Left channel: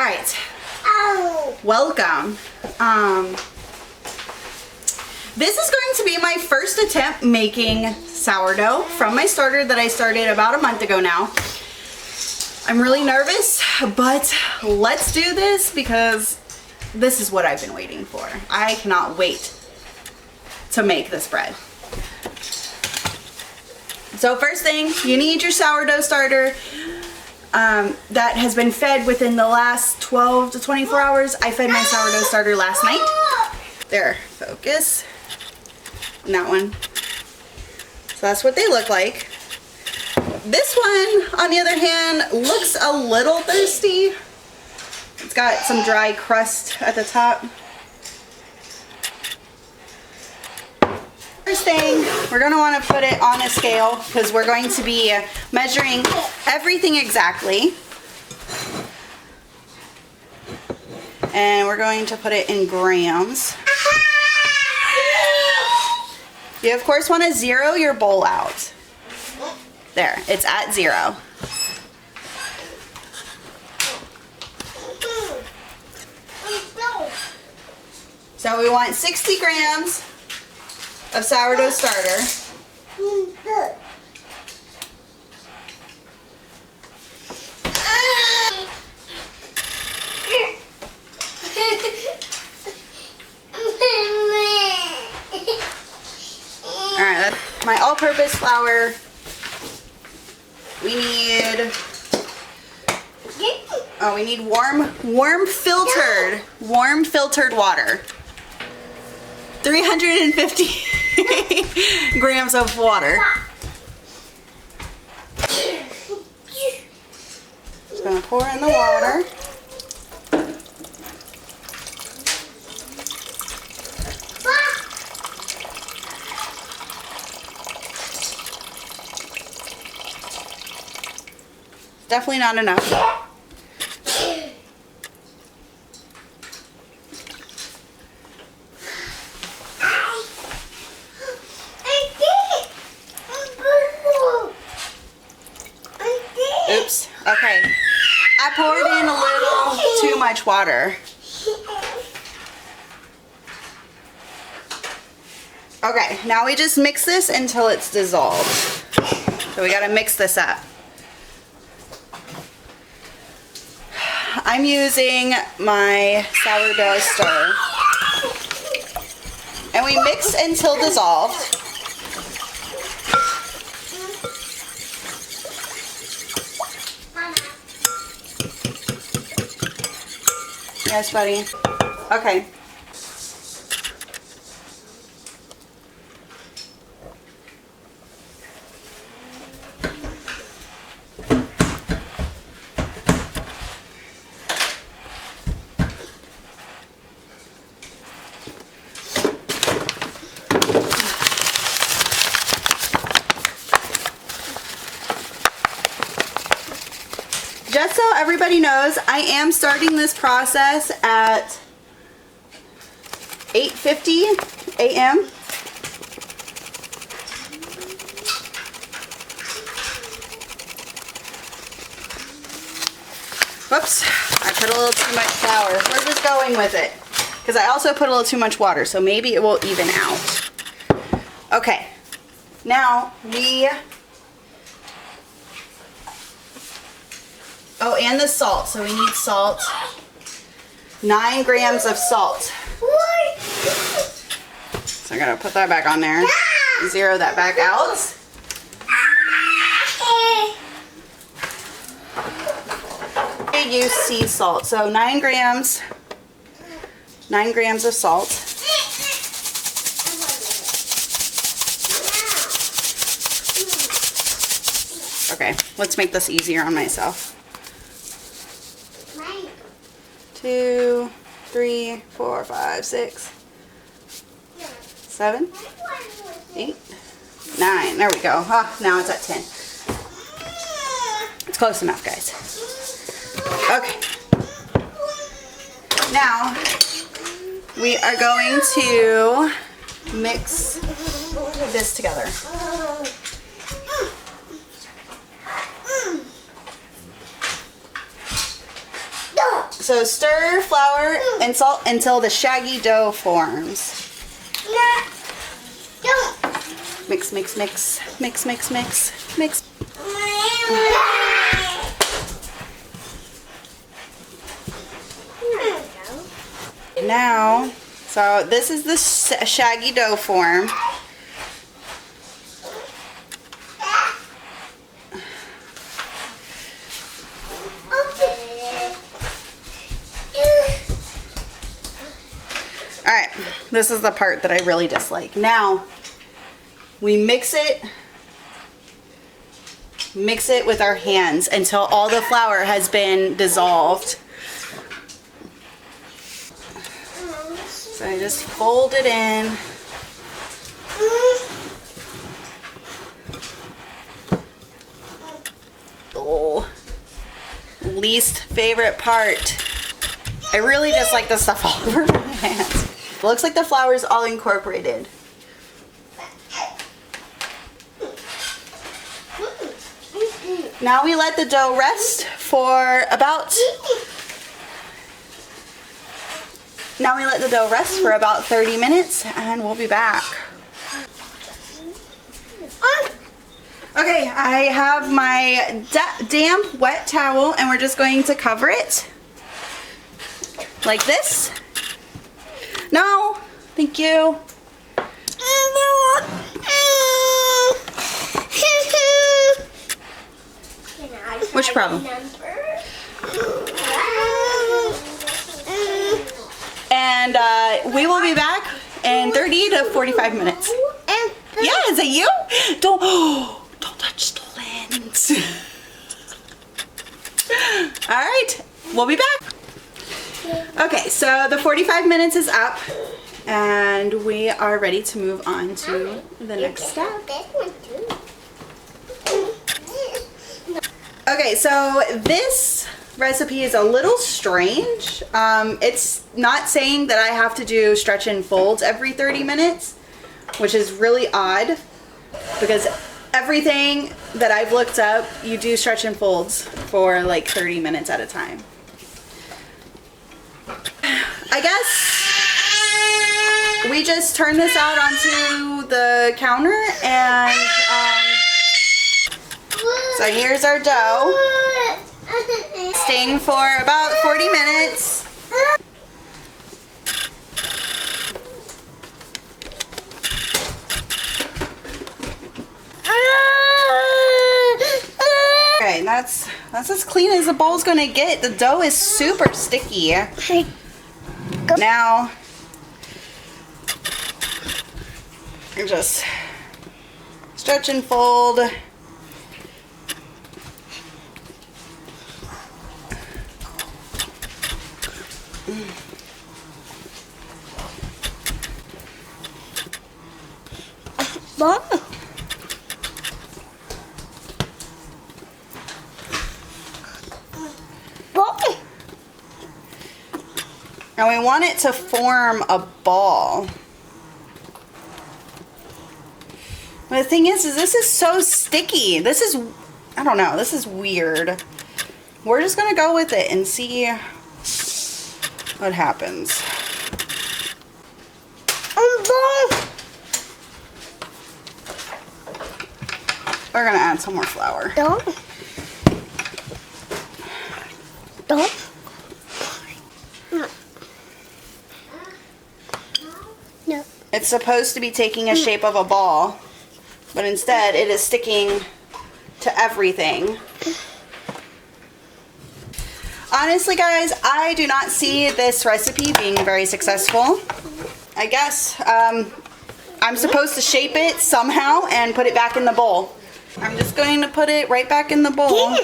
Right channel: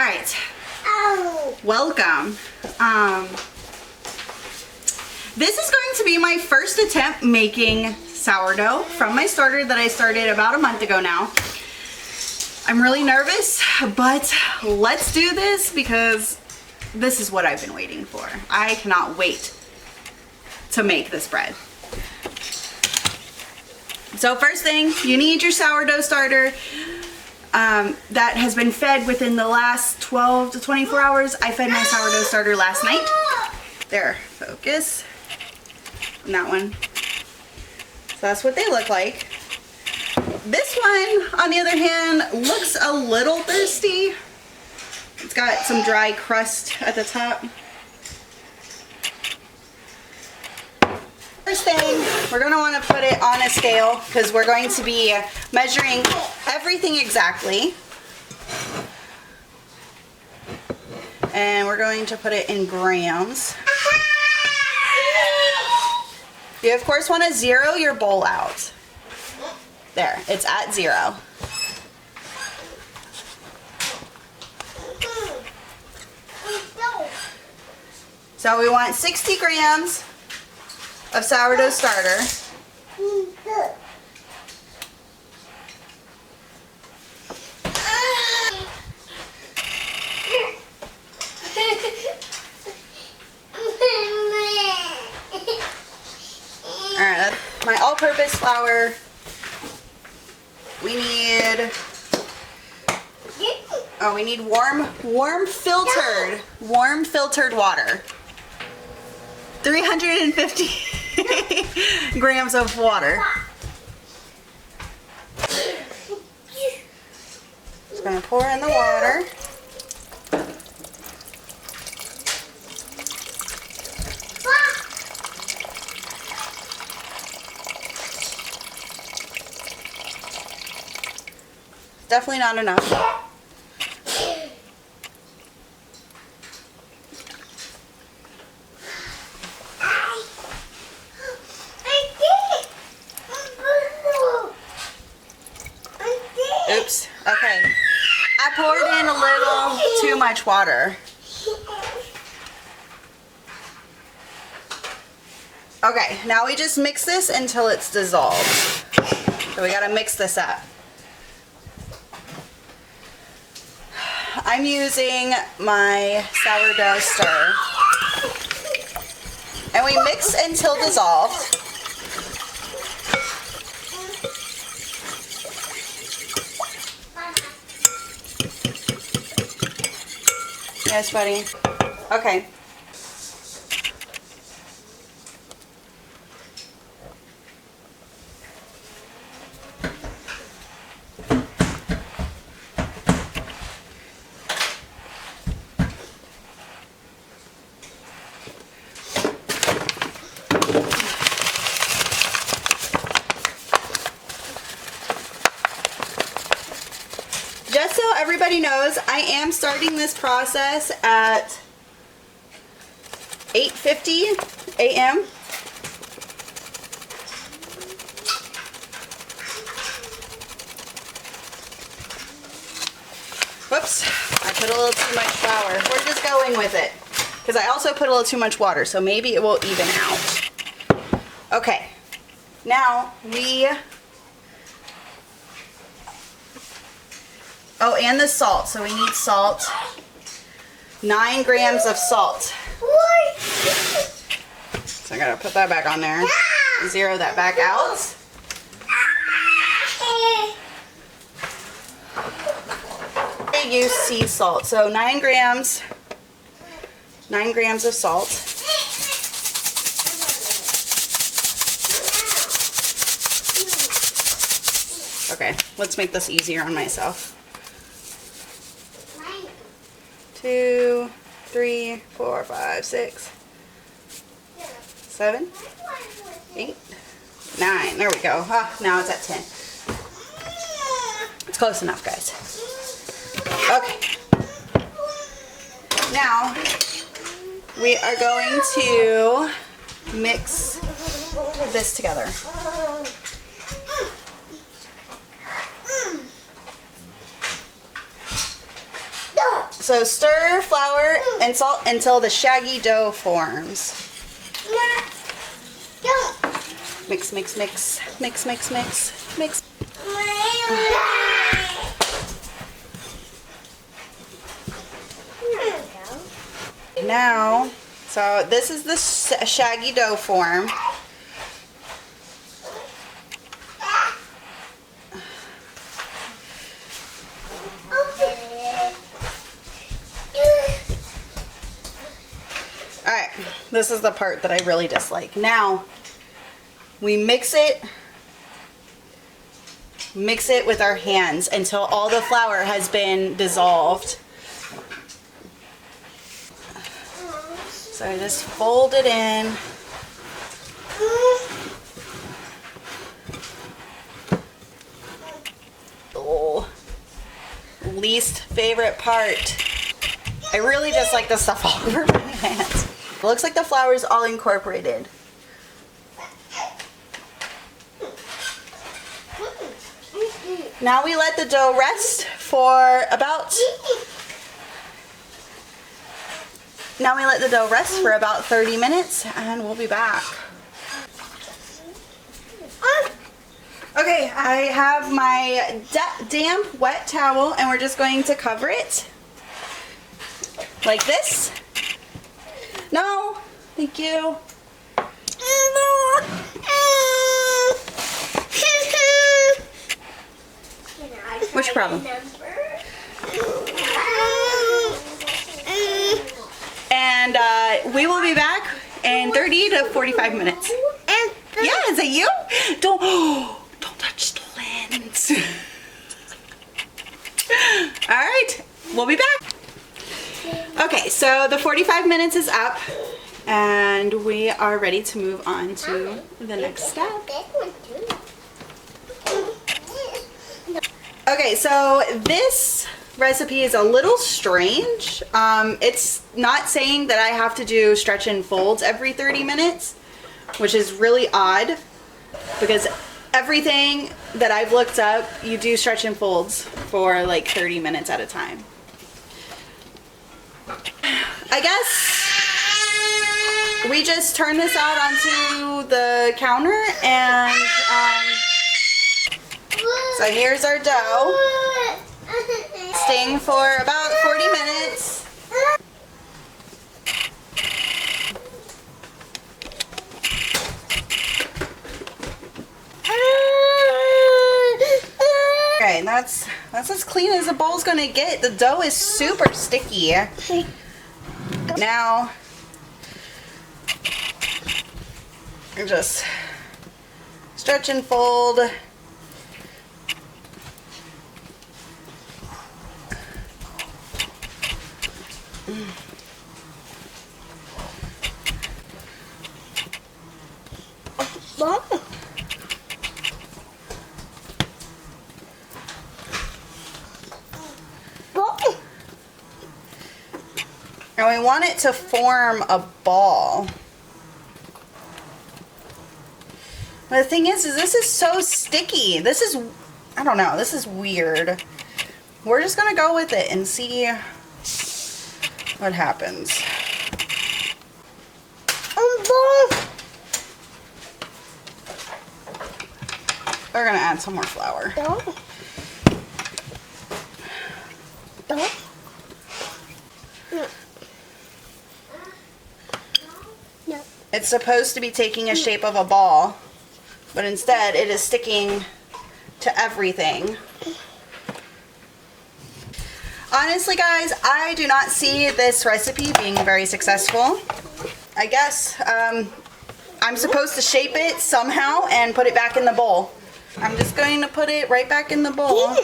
right. Welcome. This is going to be my first attempt making sourdough from my starter that I started about a month ago now. I'm really nervous, but let's do this because this is what I've been waiting for. I cannot wait to make this bread. So first thing, you need your sourdough starter that has been fed within the last 12 to 24 hours. I fed my sourdough starter last night. There, focus. And that one. So that's what they look like. This one, on the other hand, looks a little thirsty. It's got some dry crust at the top. First thing, we're going to want to put it on a scale because we're going to be measuring everything exactly. And we're going to put it in grams. You of course want to zero your bowl out. There, it's at 0. So we want 60 grams of sourdough starter. Alright, that's my all-purpose flour. We need warm filtered water. 350 grams of water. Just gonna pour in the water. Definitely not enough. Oops. Okay. I poured in a little too much water. Okay, now we just mix this until it's dissolved. So we gotta mix this up. I'm using my sourdough stir. And we mix until dissolved. Yes, buddy. Okay. Just so everybody knows, I am starting this process at 8:50 a.m. Whoops, I put a little too much flour. We're just going with it because I also put a little too much water, so maybe it will even out. Okay, now oh, and the salt. So we need salt. 9 grams of salt. So I gotta put that back on there. Zero that back out. I use sea salt. So 9 grams. 9 grams of salt. Okay, let's make this easier on myself. 2, 3, 4, 5, 6, 7, 8, 9. There we go. Ah, now it's at 10. It's close enough, guys. Okay. Now we are going to mix this together. So stir flour and salt until the shaggy dough forms. Mix, mix, mix, mix, mix, mix, mix. Now, so this is the shaggy dough form. Alright, this is the part that I really dislike. Now, we mix it with our hands until all the flour has been dissolved. So I just fold it in. Oh, least favorite part. I really just like the stuff all over my hands. It looks like the flour is all incorporated. Now we let the dough rest for about 30 minutes and we'll be back. Okay, I have my damp wet towel and we're just going to cover it like this. No, thank you. What's your problem? And we will be back in 30 to 45 minutes. Yeah, is it you? Don't touch the lens. All right, we'll be back. Okay, so the 45 minutes is up and we are ready to move on to the next step. Okay, so this recipe is a little strange. It's not saying that I have to do stretch and folds every 30 minutes, which is really odd because everything that I've looked up, you do stretch and folds for like 30 minutes at a time. I guess we just turn this out onto the counter and so here's our dough. Staying for about 40 minutes. Okay, that's as clean as the bowl's gonna get. The dough is super sticky. Now, you just stretch and fold. And we want it to form a ball. But the thing is this is so sticky. This is, I don't know, this is weird. We're just gonna go with it and see what happens. We're gonna add some more flour. Don't. No. No. It's supposed to be taking a shape of a ball, but instead it is sticking to everything. Honestly, guys, I do not see this recipe being very successful. I guess I'm supposed to shape it somehow and put it back in the bowl. I'm just going to put it right back in the bowl.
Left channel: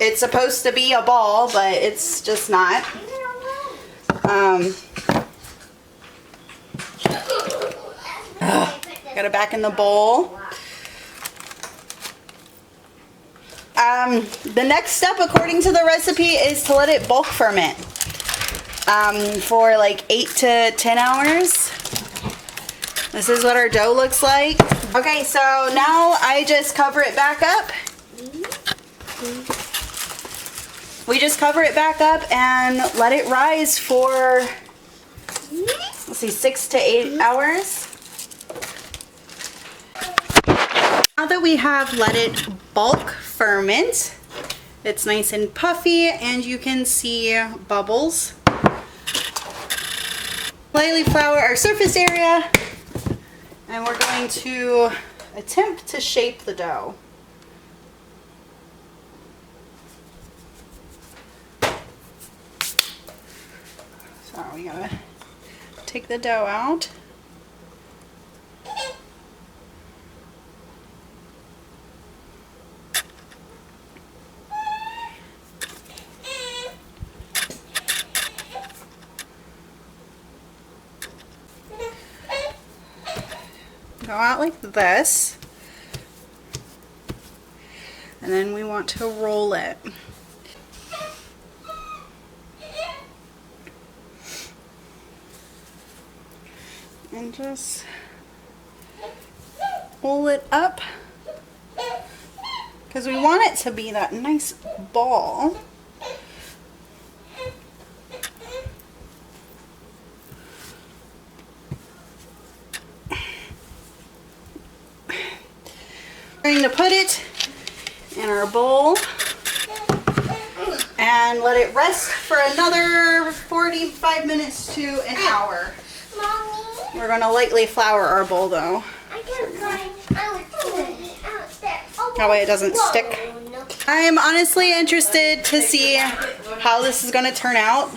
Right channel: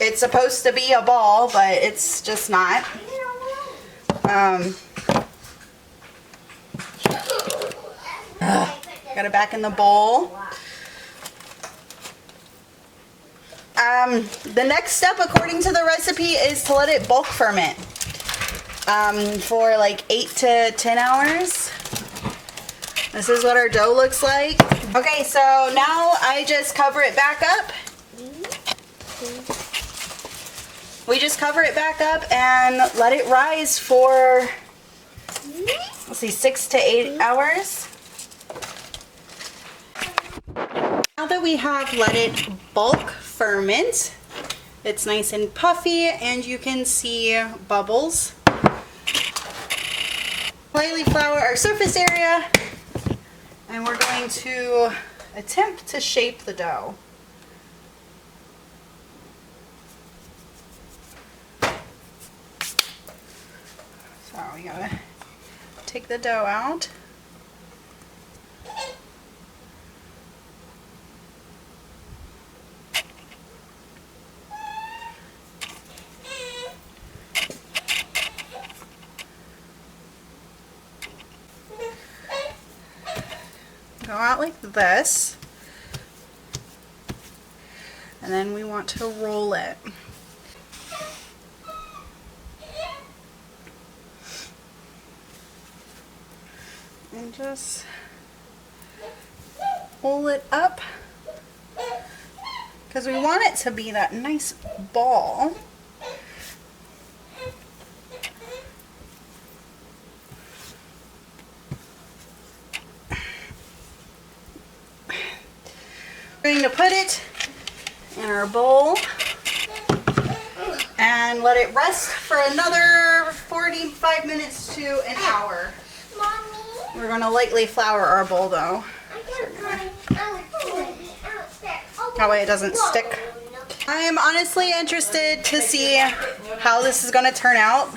It's supposed to be a ball, but it's just not. Got it back in the bowl. The next step, according to the recipe, is to let it bulk ferment for like 8 to 10 hours. This is what our dough looks like. Okay, so now I just cover it back up. we just cover it back up and let it rise for, let's see, 6 to 8 hours. Now that we have let it bulk ferment, it's nice and puffy and you can see bubbles. Lightly flour our surface area and we're going to attempt to shape the dough. So we gotta take the dough out. Go out like this. And then we want to roll it. And just pull it up because we want it to be that nice ball. We're going to put it in our bowl and let it rest for another 45 minutes to an hour. Mommy, We're going to lightly flour our bowl though. I can't find out there. That way it doesn't stick. I am honestly interested to see how this is going to turn out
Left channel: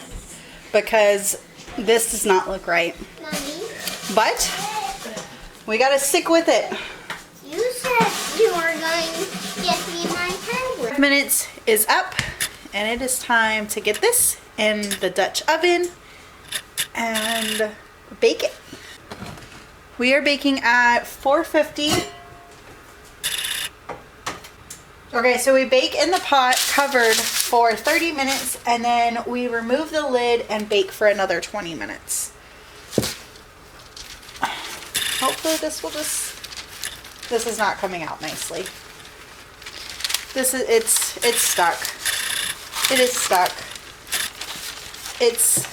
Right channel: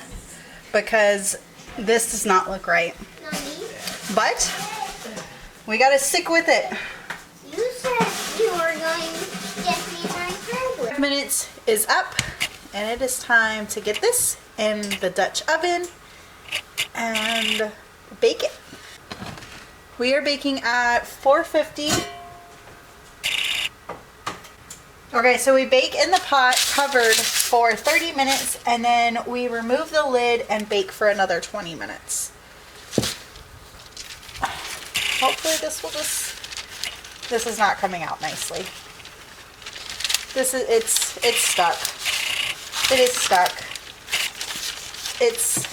because this does not look right. Mommy, But we got to stick with it. you said you were going to get me my tablet. 5 minutes is up and it is time to get this in the Dutch oven and bake it. We are baking at 450. Okay, so we bake in the pot covered for 30 minutes and then we remove the lid and bake for another 20 minutes. Hopefully this will just, this is not coming out nicely. This is, it's stuck. It is stuck. It's,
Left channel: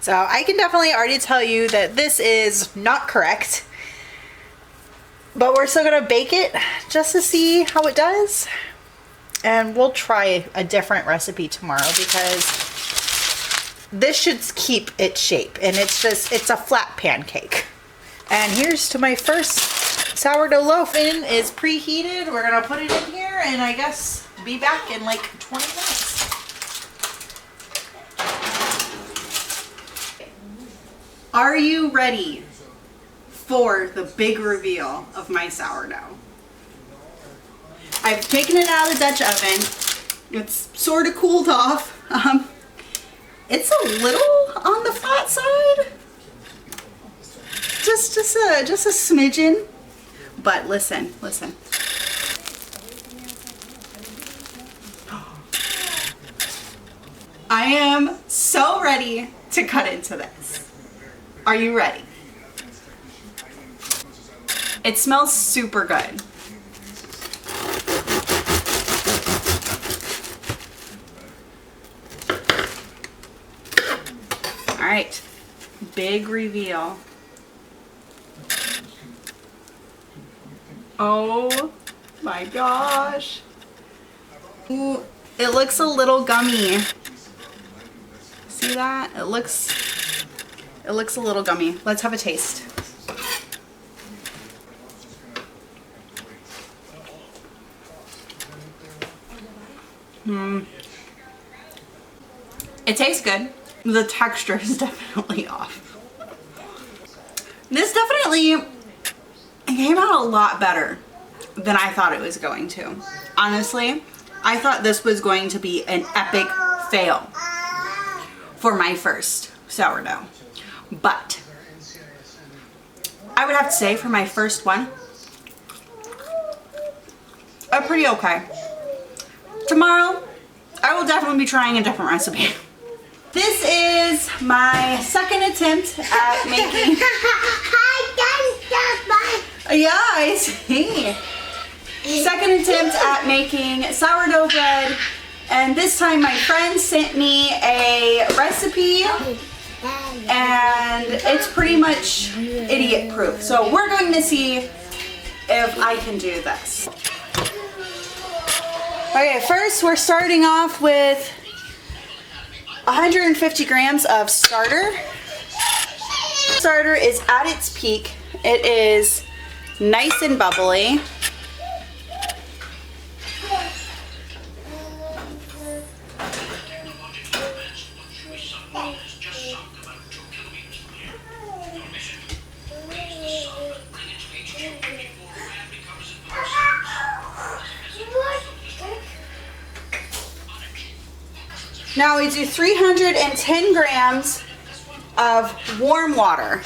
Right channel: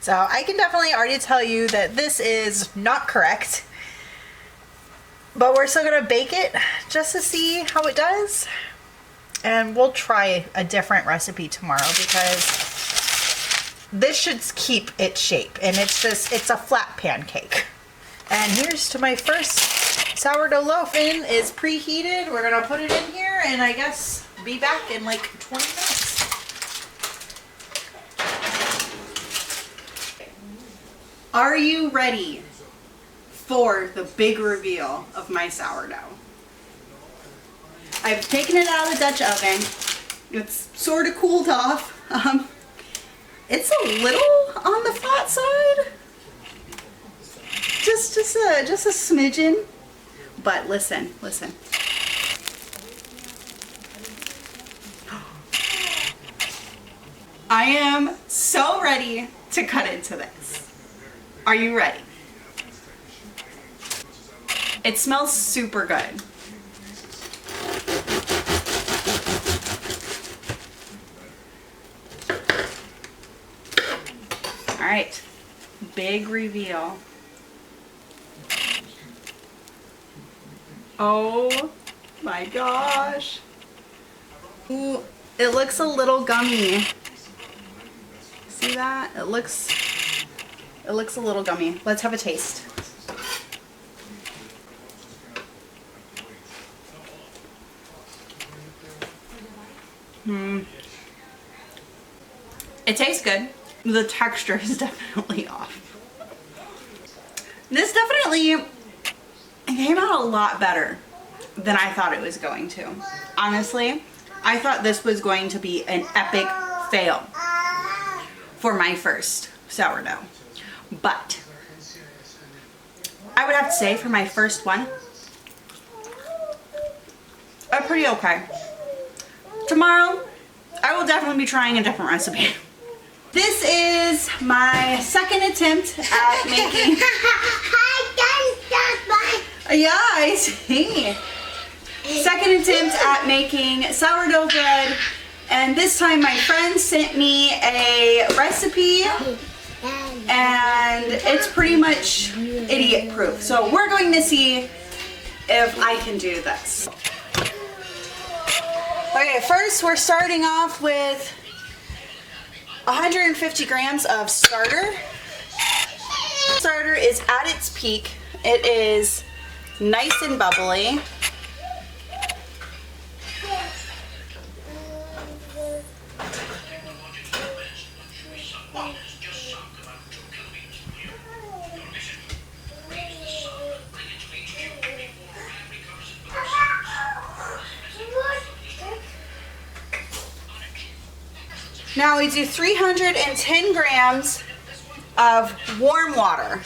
so I can definitely already tell you that this is not correct, but we're still gonna bake it just to see how it does. And we'll try a different recipe tomorrow because this should keep its shape and it's just, it's a flat pancake. And here's to my first sourdough loaf in is preheated. We're gonna put it in here and I guess be back in like 20 minutes. Are you ready for the big reveal of my sourdough? I've taken it out of the Dutch oven. It's sort of cooled off. It's a little on the flat side. Just a smidgen. But listen. I am so ready to cut into this. Are you ready? It smells super good. All right, big reveal. Oh my gosh. Ooh, it looks a little gummy. See that? It looks a little gummy. Let's have a taste. It tastes good. The texture is definitely off. This definitely came out a lot better than I thought it was going to. Honestly, I thought this was going to be an epic fail for my first sourdough. But I would have to say for my first one, pretty okay. Tomorrow, I will definitely be trying a different recipe. This is my second attempt at making. I Yeah, I see. Second attempt at making sourdough bread, and this time my friend sent me a recipe and it's pretty much idiot proof. So we're going to see if I can do this. Okay, first we're starting off with 150 grams of starter. Starter is at its peak. It is nice and bubbly. Now we do 310 grams of warm water.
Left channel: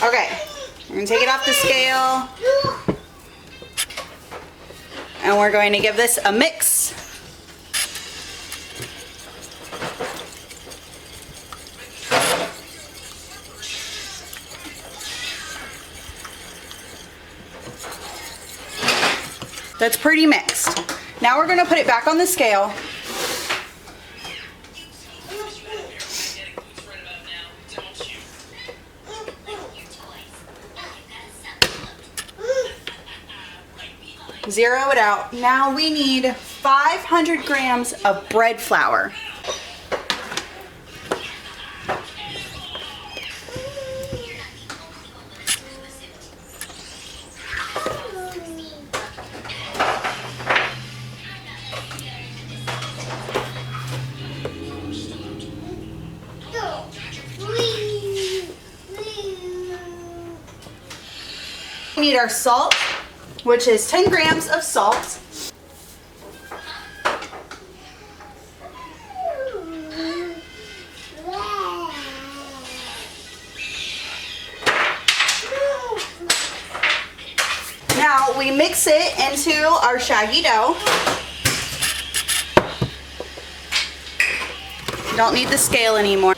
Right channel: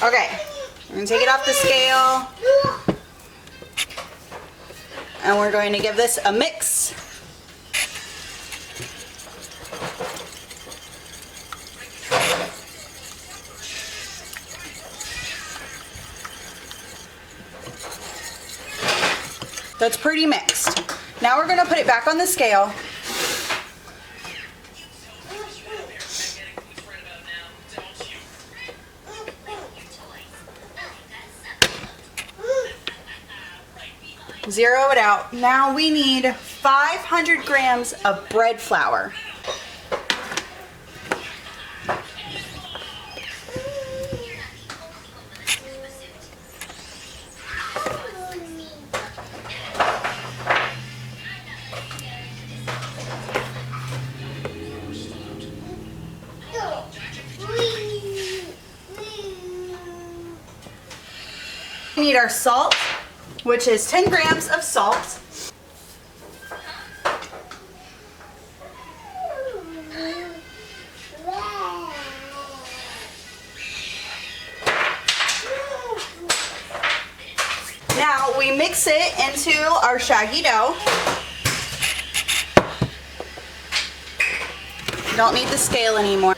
Okay, we're gonna take it off the scale and we're going to give this a mix. That's pretty mixed. Now we're going to put it back on the scale. Zero it out. Now we need 500 grams of bread flour. We need our salt, which is 10 grams of salt. Now we mix it into our shaggy dough. Don't need the scale anymore.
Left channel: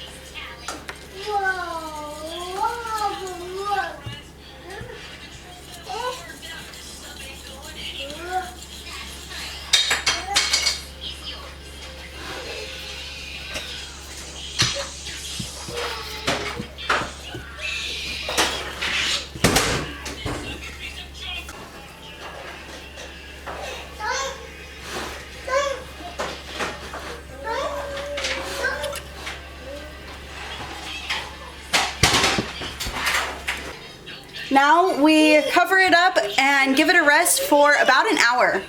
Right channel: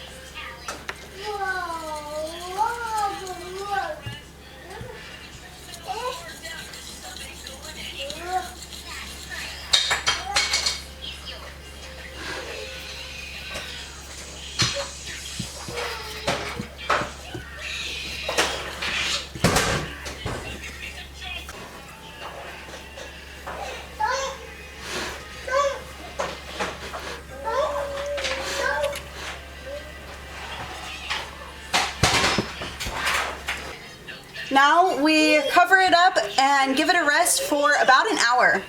Now we cover it up and give it a rest for about an hour.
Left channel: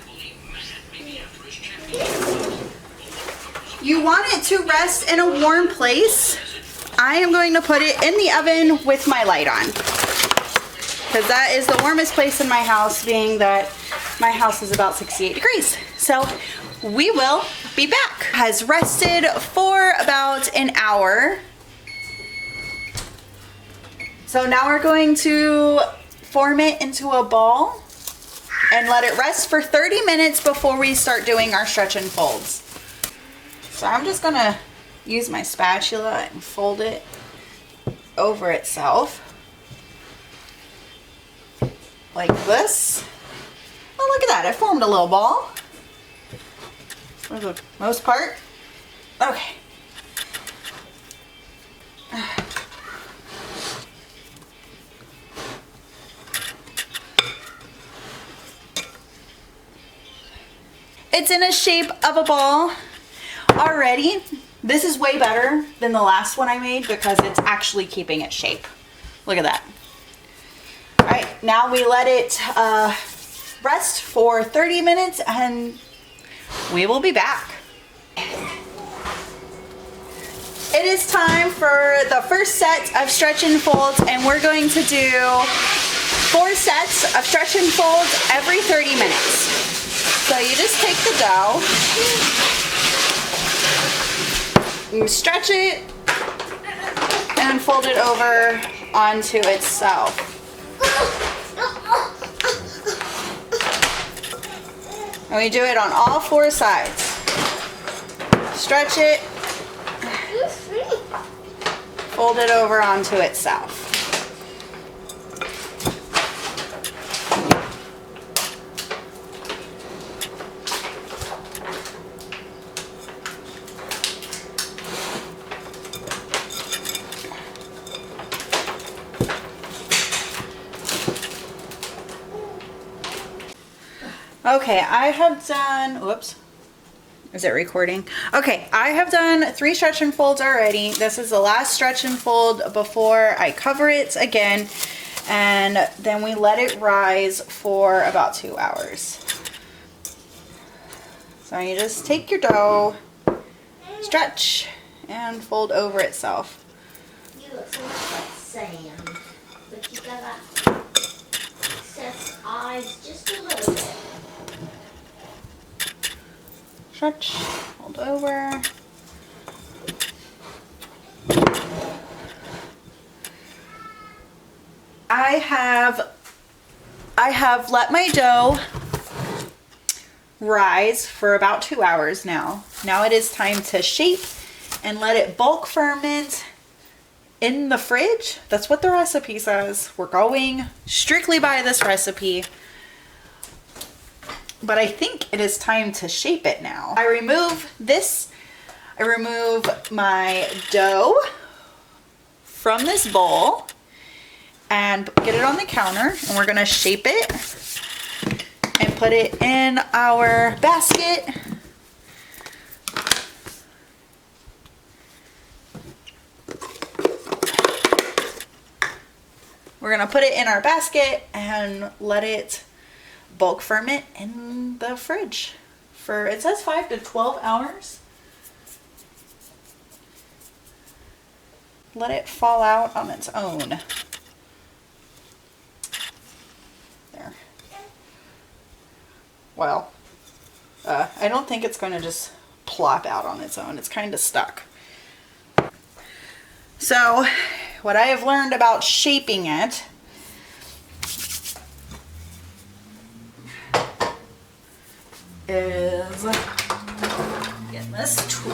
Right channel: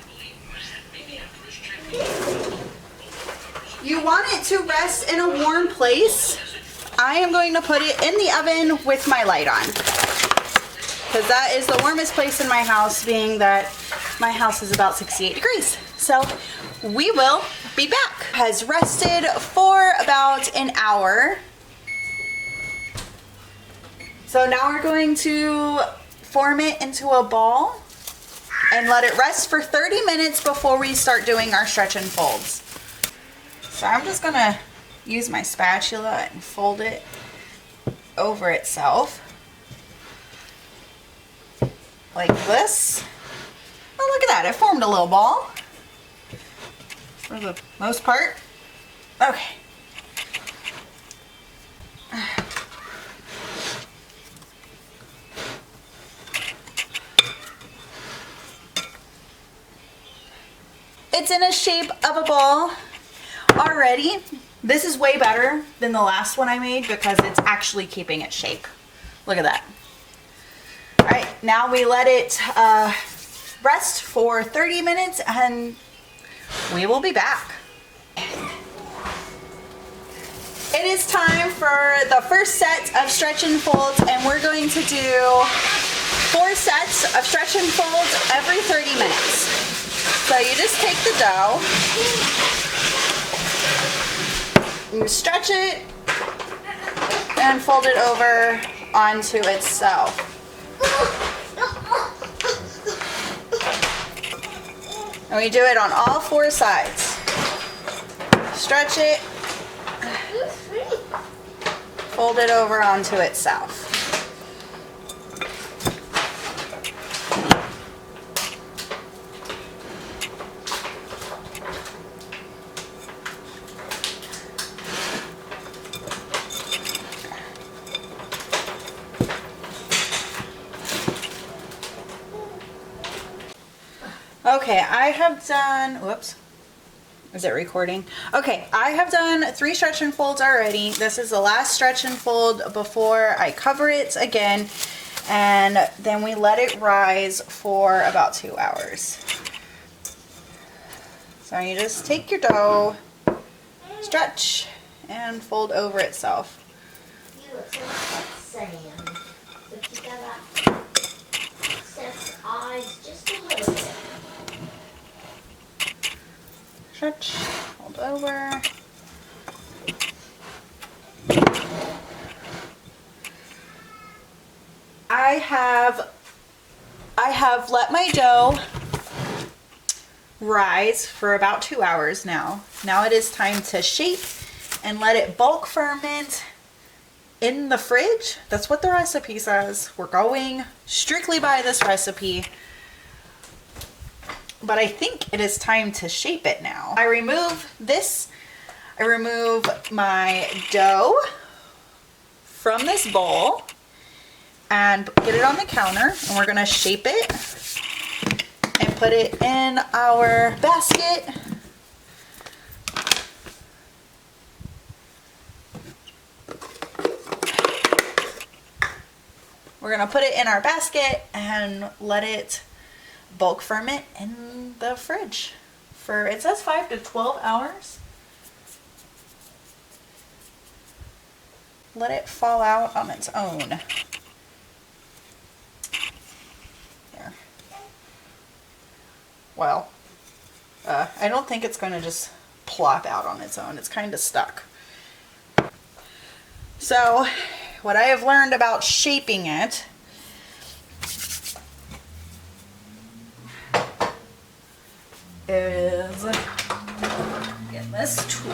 You want it to rest in a warm place. I am going to put it in the oven with my light on, because that is the warmest place in my house, being that my house is about 68 degrees. So we will be back. Has rested for about an hour. So now we're going to form it into a ball and let it rest for 30 minutes before we start doing our stretch and folds. So I'm just gonna use my spatula and fold it over itself like this. Oh, look at that, it formed a little ball for the most part. Okay. It's in a shape of a ball already. This is way better than the last one I made because it's actually keeping its shape. Look at that. All right, now we let it rest for 30 minutes and we will be back. It is time for the first set of stretch and folds, and we're going to do 4 sets of stretch and folds every 30 minutes. So you just take the dough, you stretch it, and fold it over onto itself. And we do it on all 4 sides. Stretch it, fold it over onto itself. Okay, I have done, whoops, is it recording? Okay, I have done 3 stretch and folds already. This is the last stretch and fold before I cover it again, and then we let it rise for about 2 hours. So you just take your dough, stretch, and fold over itself. You look so much like Sam, but you gotta set eyes just a little bit. Stretch, fold over. I have let my dough rise for about 2 hours now. Now it is time to shape and let it bulk ferment in the fridge. That's what the recipe says. We're going strictly by this recipe. But I think it is time to shape it now. I remove my dough from this bowl and get it on the counter, and we're gonna shape it and put it in our basket. We're gonna put it in our basket and let it bulk ferment in the fridge for, it says 5 to 12 hours. Let it fall out on its own. There. Well, I don't think it's going to just plop out on its own. It's kind of stuck. So what I have learned about shaping it is get this tool.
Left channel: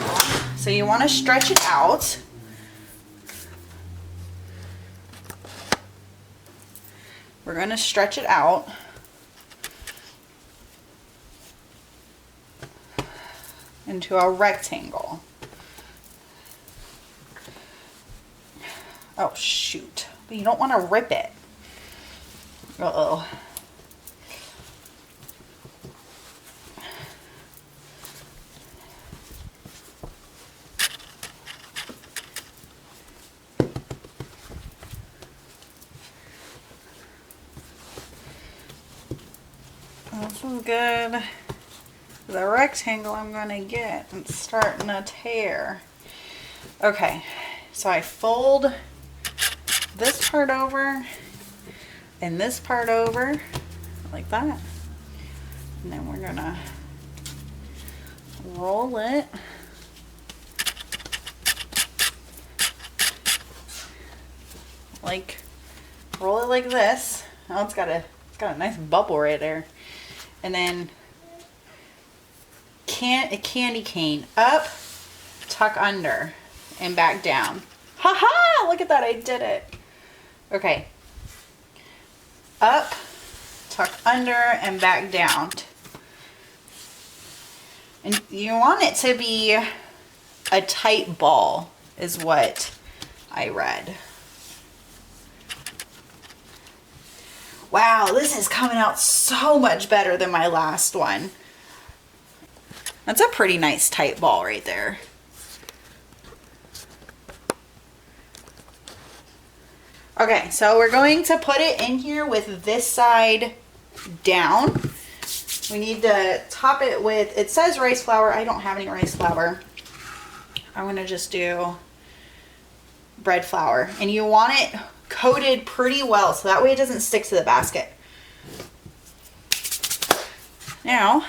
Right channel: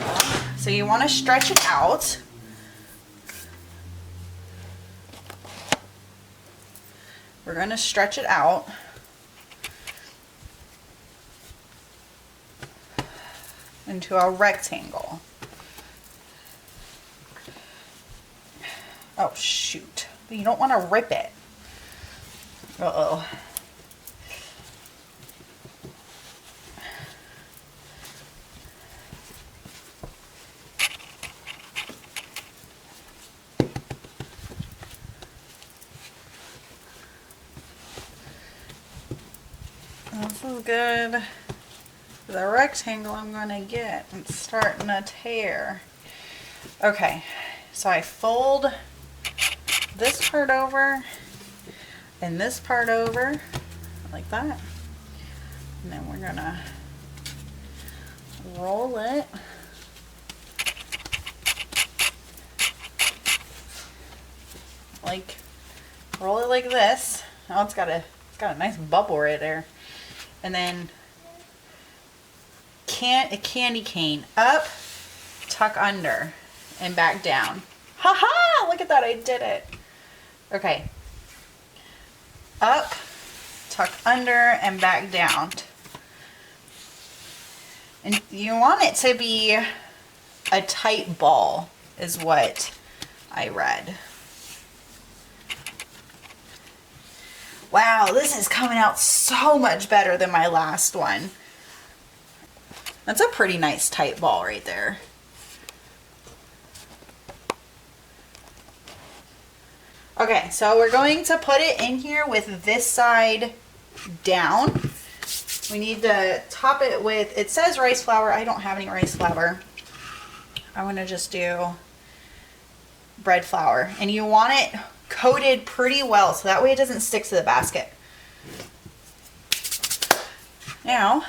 So you want to stretch it out. We're going to stretch it out into a rectangle. Oh shoot, but you don't want to rip it. Uh-oh. This is good. The rectangle I'm going to get, it's starting to tear. Okay, so I fold this part over and this part over like that. And then we're going to roll it. Roll it like this. Oh, it's got a nice bubble right there. And then a candy cane up, tuck under, and back down. Haha! Look at that, I did it. Okay. Up, tuck under, and back down. And you want it to be a tight ball, is what I read. Wow, this is coming out so much better than my last one. That's a pretty nice tight ball right there. Okay, so we're going to put it in here with this side down. We need to top it with, it says rice flour. I don't have any rice flour. I'm going to just do bread flour. And you want it coated pretty well so that way it doesn't stick to the basket. Now,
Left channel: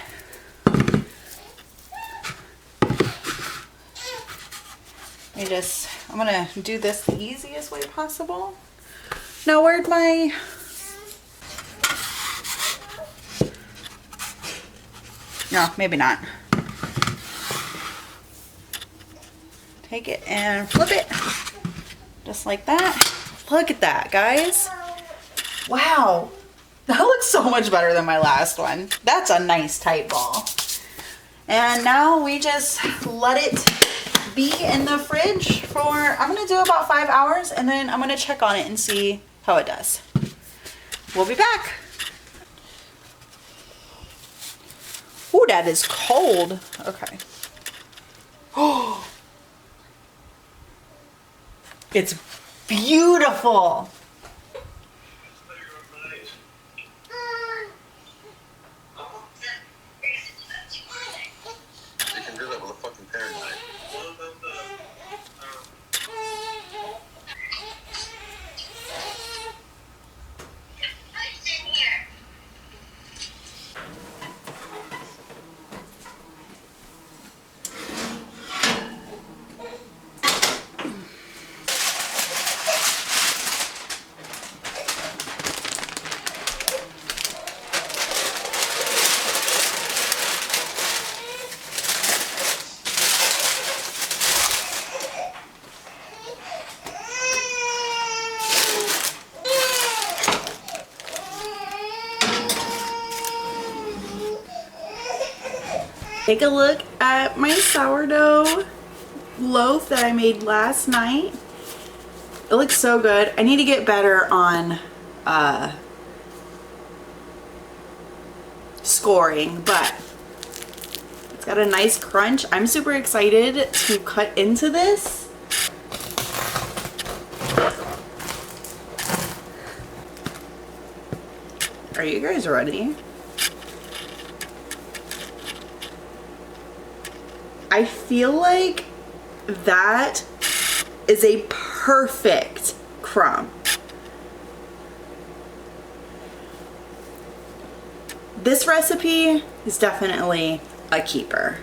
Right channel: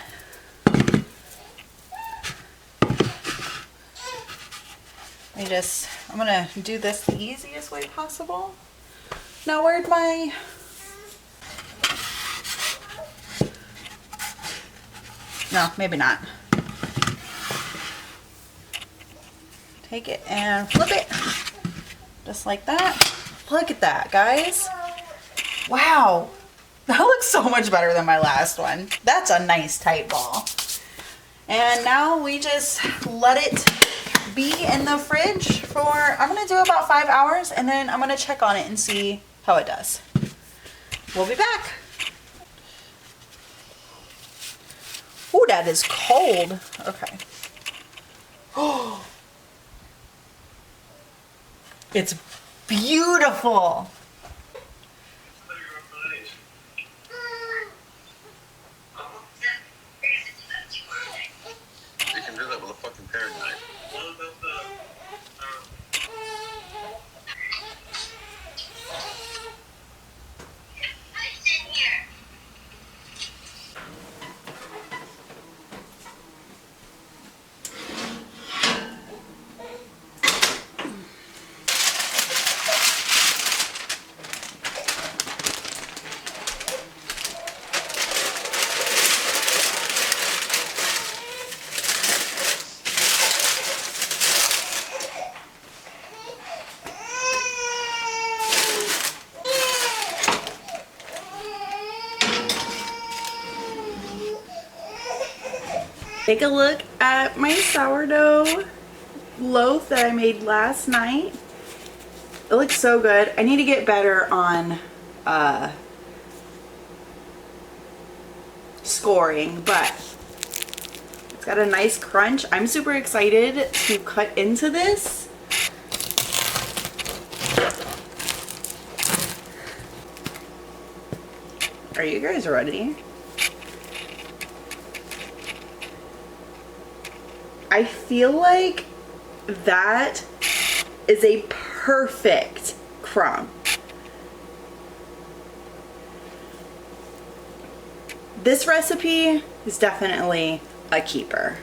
I'm gonna do this the easiest way possible. Now, where'd my, No, maybe not. Take it and flip it. Just like that. Look at that, guys. Wow. That looks so much better than my last one. That's a nice tight ball. And now we just let it be in the fridge for, I'm gonna do about 5 hours, and then I'm gonna check on it and see how it does. We'll be back. Ooh, that is cold. Okay. Oh, it's beautiful. You can do that with a fucking paring knife. Take a look at my sourdough loaf that I made last night. It looks so good. I need to get better on scoring, but it's got a nice crunch. I'm super excited to cut into this. Are you guys ready? I feel like that is a perfect crumb. This recipe is definitely a keeper.